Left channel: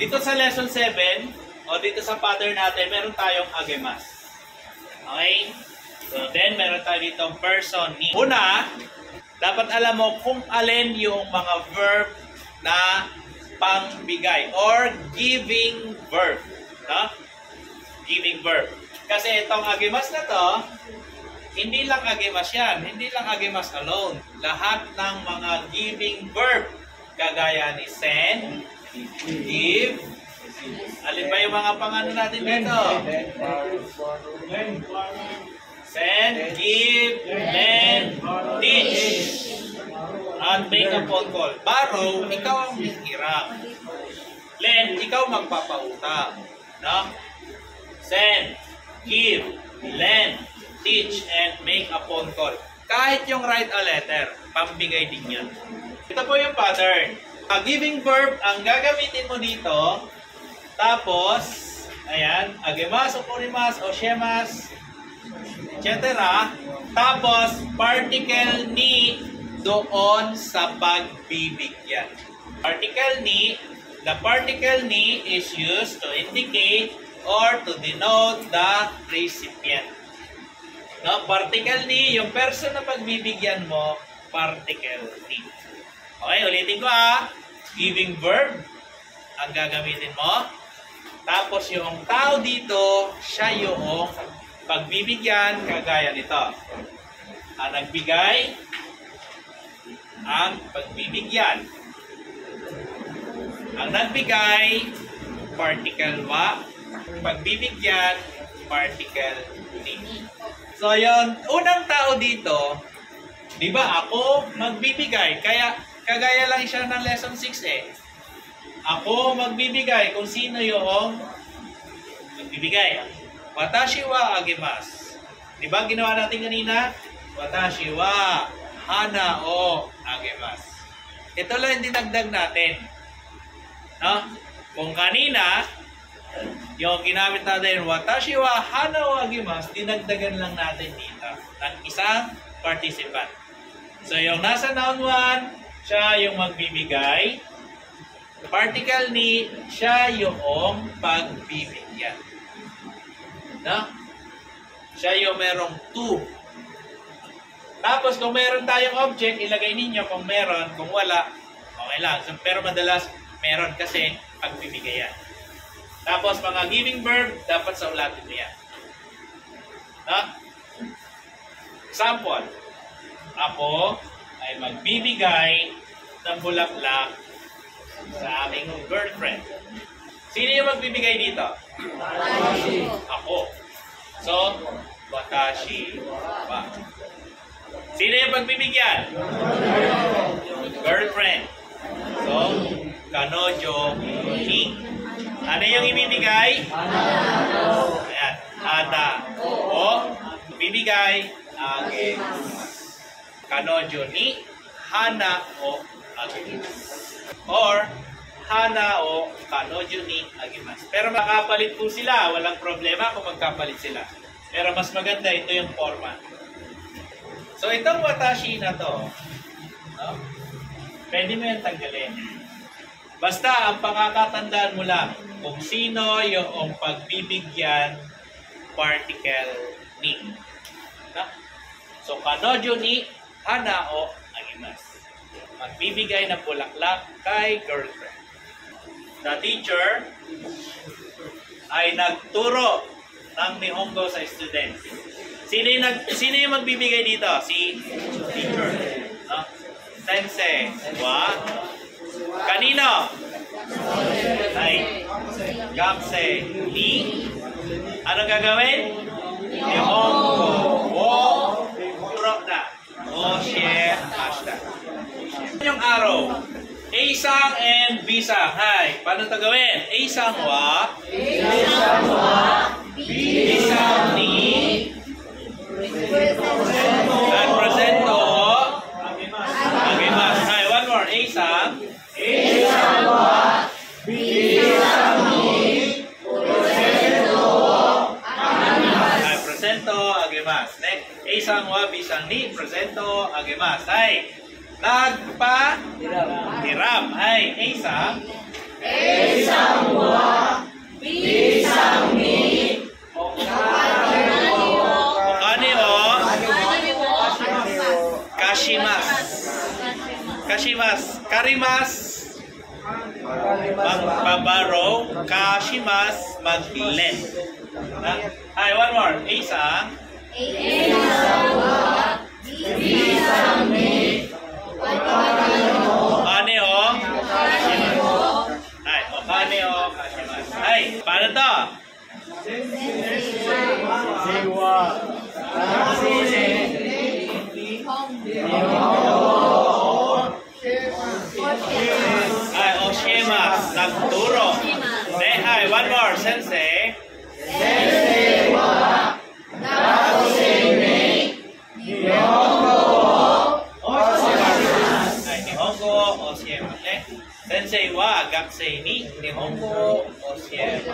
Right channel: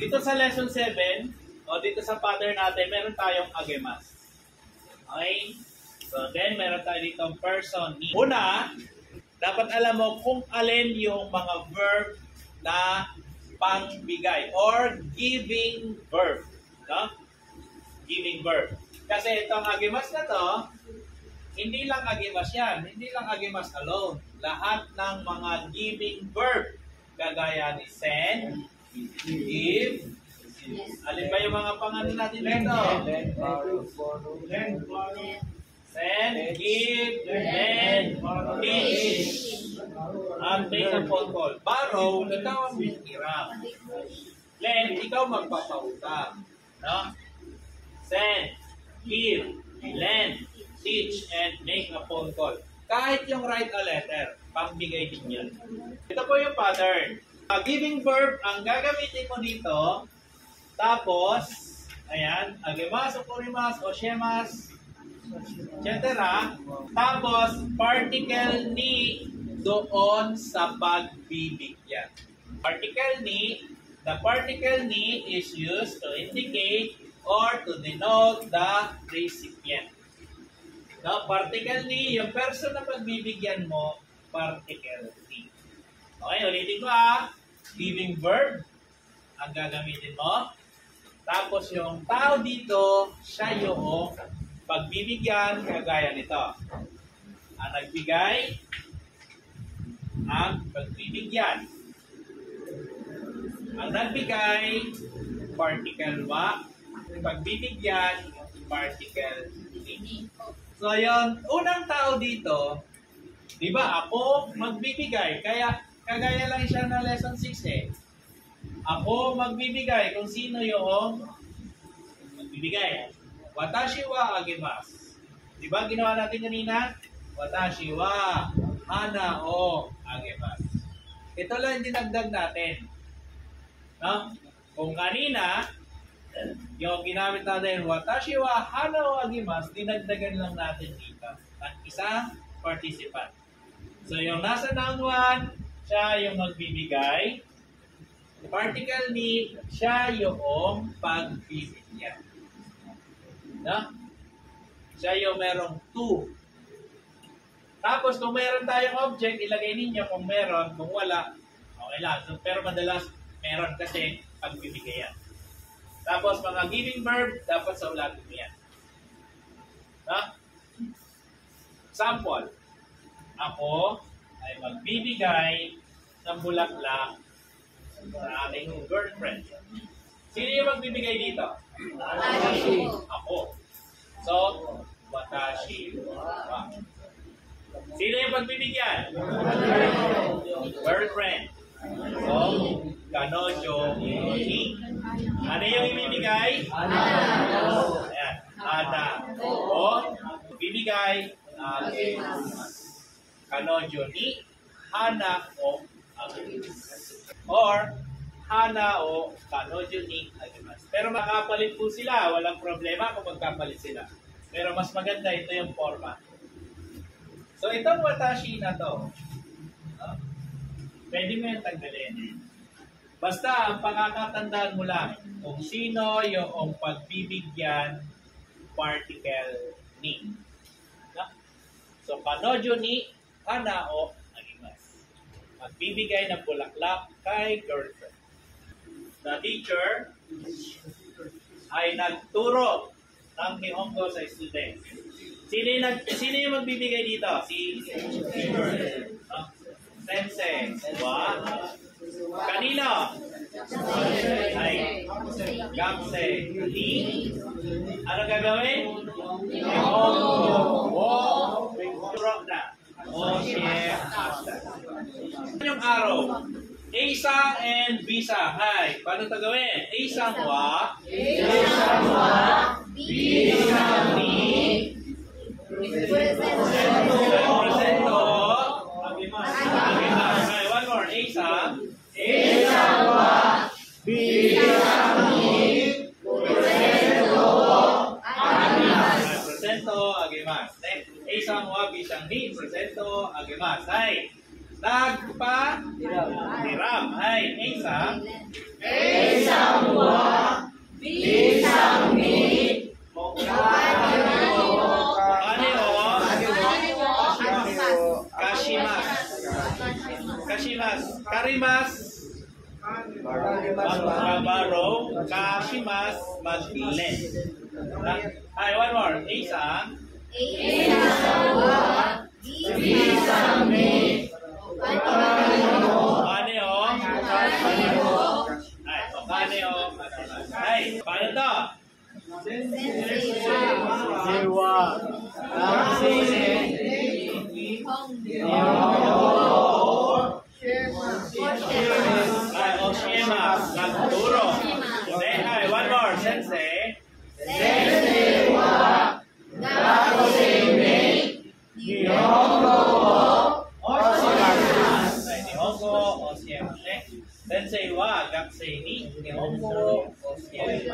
Dito sa lesson 7, o dito sa pattern natin, meron tayong agemas. Okay? So then, meron tayo ditong person, ni. Una, dapat alam mo kung alin yung mga verb na pangbigay or giving verb. No? Giving verb. Kasi itong agemas na to, hindi lang agemas yan. Hindi lang agemas alone. Lahat ng mga giving verb. Kagaya ni send, give. Alin ba yung mga pangano natin dito? Send, give, lend, teach, and make a phone call. Borrow, ikaw ang hihiram. Lend, ikaw magpapautang. No? Send, give, lend, teach, and make a phone call. Kahit yung write a letter, pambigay din yan. Ito po yung pattern. Giving verb, ang gagamitin mo dito, tapos, ayan, agemas, oponimas, oshemas, etc. Tapos, particle ni doon sa pagbibigyan. Particle ni, the particle ni is used to indicate or to denote the recipient. No, particle ni, yung person na pagbibigyan mo, particle ni. Okay, ulitin ko Giving verb, ang gagamitin mo. Tapos yung tao dito, siya yung pagbibigyan, kagaya nito. Ang nagbigay, ang pagbibigyan. Ang nagbigay, particle wa. Pagbibigyan, particle ni. So yung unang tao dito, di ba ako magbibigay, kaya kagaya lang siya ng lesson 6 Ako magbibigay kung sino yung magbibigay. Watashi wa agemas. Di ba ginawa natin kanina? Watashi wa hana o agemas. Ito lang yung dinagdag natin. No? Kung kanina, yung ginamit natin, watashi wa hana o agemas, dinagdagan lang natin dito ng isang participant. So yung nasa noun 1, siya yung magbibigay. Particle ni, siya yung pagbibigyan. No? Siya yung merong to. Tapos kung meron tayong object, ilagay ninyo kung meron, kung wala, okay lang. So, pero madalas meron kasi pagbibigay yan. Tapos mga giving verb, dapat sa ulatin mo yan. No? Example, ako ay magbibigay ng bulaklak sa aming girlfriend. Sino yung magbibigay dito? Ako. So, watashi wa. Sino yung pagbibigyan? Girlfriend. So, kanojo ni. Ano yung ibibigay? Ayan. Hana o. Bibigay agemas. Kanojo ni hana o agemas. Or hana o kanojo ni agemas. Pero makapalit po sila, walang problema kung magkapalit sila. Pero mas maganda ito yung forma. So itong watashi na to, no? Pwede mo yung tanggalin. Basta ang pakakatandaan mo lang kung sino yung pagbibigyan particle ni. No? So kanojo ni hana o agemas. Magbibigay ng bulaklak kay girlfriend. The teacher ay nagturo ng Nihongo sa students. Sino yung magbibigay dito? Si teacher. No? Sensei. Wa. Kanino? Ay. Gamsei. Ni. Ano gagawin? Nihongo. Wo. Turo na. O share hashtag. Yung araw, A-sang and B-sang. Hay, paano ito gawin? A-sang wa, B-sang ni, presento, agemas. Hay, one more. A-sang wa, B-sang ni, presento, agemas. Next, A-sang wa, B-sang ni, presento, agemas. Hay, nagpa-hiram. Ay, A-sang Karimas, magbabarrow. Kashimas, mag-lend. Ay, one more. Isang. Kanehong. Ay, o kanehong. Kashimas. Ay, paano to? Ay, Oshimas, nagturo. Ay, one more, sensei. Ay, Nihongo, Oshimas. Sensei wa, gakusei ni Nihongo, Oshimas.